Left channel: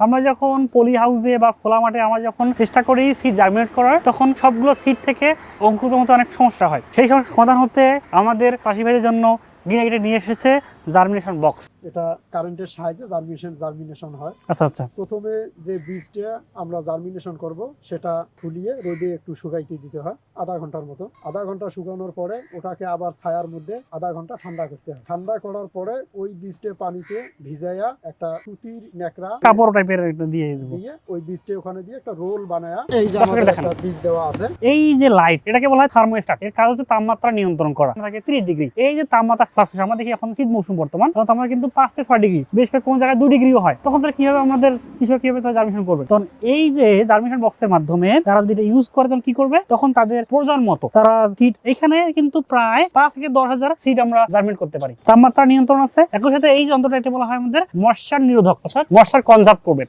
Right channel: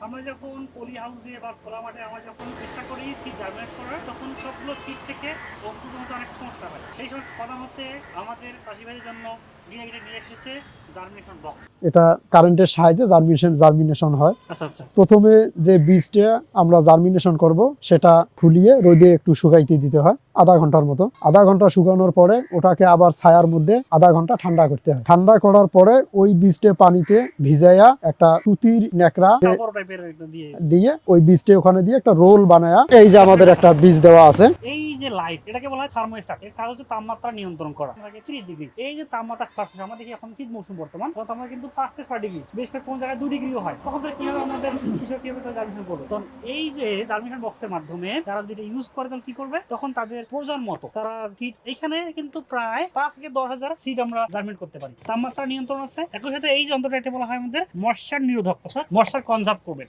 আমরা যখন পলি হাউসে বা খোলা মাঠে আমরা যখন চেষ্টা করি সিট জার্মিনেট করার তখন সবগুলো সিট থেকে অঙ্কুরিত মতো অনেক সমস্যা হয়। সেই সমস্যার সমাধান হতে আমাদের চাষি ভাইদের জন্য গিয়ে নিয়ে এসেছে জার্মিনেশন বক্স এটা কারেন্টের সাহায্যে জার্মিনেশন জার্মিনেশন হয়। আচ্ছা আচ্ছা। প্রথমে যে বীজটা আমরা জার্মিনেশন করব সেটা খুলিয়ে রোদে একটু শুকাইতে দিতে হয়। আধা ঘণ্টার মতো। আধা ঘণ্টা শুকানোর পরে ওটাকে আবার ছায়ার মধ্যে আধা ঘণ্টা ঠান্ডা করতে হয়। ঠান্ডা করার পরে ওই বীজটা পানিতে ভিজাইয়া একটা সুতির ন্যাকড়া কাপড় টাইপের দিয়ে দিয়ে ওই বীজটা ওখানে দিয়ে একটা রোল বানায়া এই যে আমাদের একটা বীজ দেওয়া আছে। এই যে লাইট এটাকে বলা হয় থার্মোস্ট্যাট এর কাজ হচ্ছে তাপমাত্রা নিয়ন্ত্রণ করা। থাকে তিরিশ ডিগ্রি এই যে তাপমাত্রা ফ্লাকচুয়েশন আমরা দেখি এখন শীত মৌসুম বর্তমান? তখন আমরা কিন্তু পাঁচ থেকে ছয় ডিগ্রি বেশ করে কোন জায়গায় দুই ডিগ্রিও হয়। তখন তারা কীভাবে আমাদের কৃষক কীভাবে তারা জার্মিনেশন করবে? তখন এই যে জার্মিনেশন বক্সের মাধ্যমে তারা যদি এটা ইউজ করে তখন কি করবে? তখন তাদের প্রয়োজন মতো তারা সিট এখানে কিন্তু প্রায় পাঁচ থেকে দশ হাজার সিট আমরা জার্মিন করতে পারি। তাপমাত্রা নিয়ন্ত্রণ আছে। একই সাথে এই যন্ত্রটা এটি বলা হয় আমাদের মশার নিরোধক, অর্থাৎ মশার কনজার্ভ করবে।